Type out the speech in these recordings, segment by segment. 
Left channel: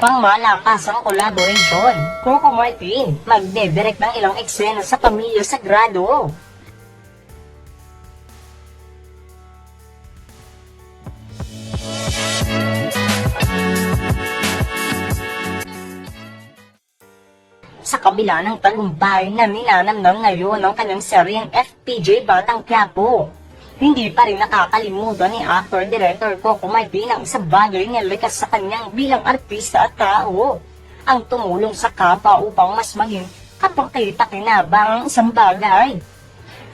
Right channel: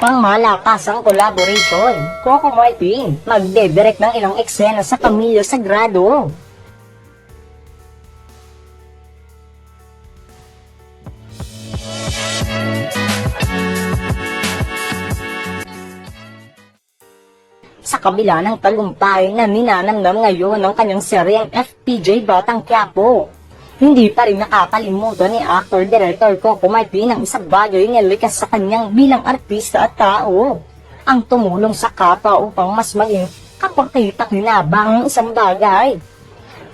Pangmalakas ang collaboration. Coco Martin, magdedirect ng ilang eksena sa Pamilya Sagrado. Sa kabila ng tagumpay na ninanamnam ngayon ng kanyang seryeng FPJ Batang Quiapo, hindi pa rin nakakalimutan ni actor-director Coco Martin ang isang bagay na likas sa kanyang bilang artista at tao. Ang tumulong sa kapwa upang mas maging kapagkita-kinabang ang isang bagay.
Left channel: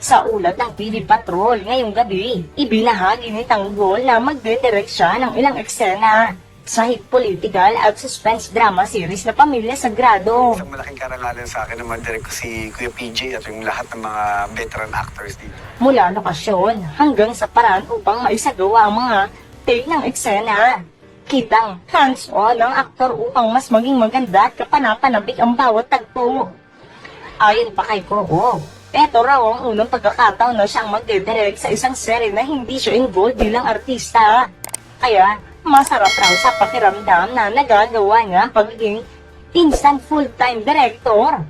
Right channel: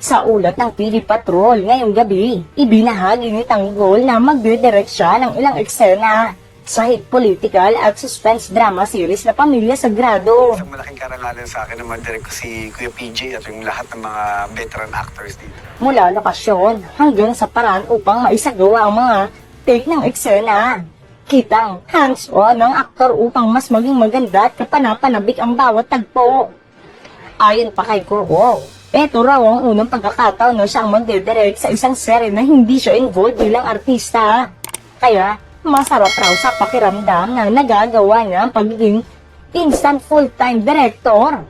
Sa ulat ng PD Patrol ngayong gabi, ibinahagi ni Tanggol na magdidirect siya ng ilang eksena sa hit political at suspense drama series na Pamilya Sagrado. Isang malaking karangalan sa akin na mag-direct ko si Kuya PJ at yung lahat ng mga veteran actors dito. mula lokasyon hanggang sa paraan upang maisagawa ang mga take ng eksena. Kitang hands-on ng aktor upang mas maging maganda at kapanapanabik ang bawat tagpo. Ayon pa kay Coco, eto raw ang unang pagkakataon na siyang magdidirect sa isang serye na hindi siya involved bilang artista. Kaya, masarap raw sa pakiramdam na nagagawa niya ang pagiging instant full-time director.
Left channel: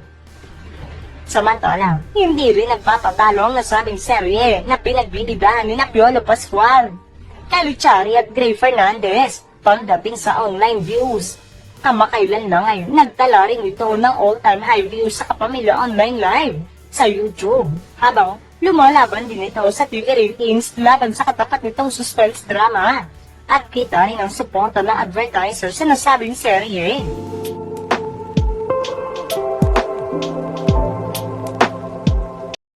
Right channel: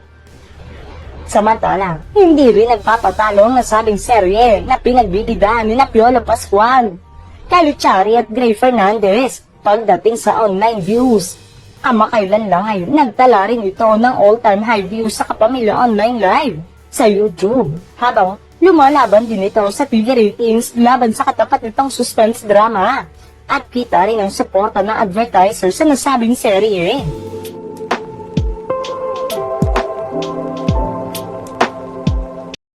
Samantala, hindi rin nagpatatalo ang nasabing serye na pinagbibidahan ni na Piolo Pascual, Caluchari at Gray Fernandez pagdating sa online views. Kamakailan lang ay nagtala rin ito ng all-time high views sa Kapamilya Online Live sa YouTube. Habang lumalaban din ito sa TV ratings laban sa katapat nitong suspense drama at kita rin ang suporta ng advertiser sa nasabing serye rin.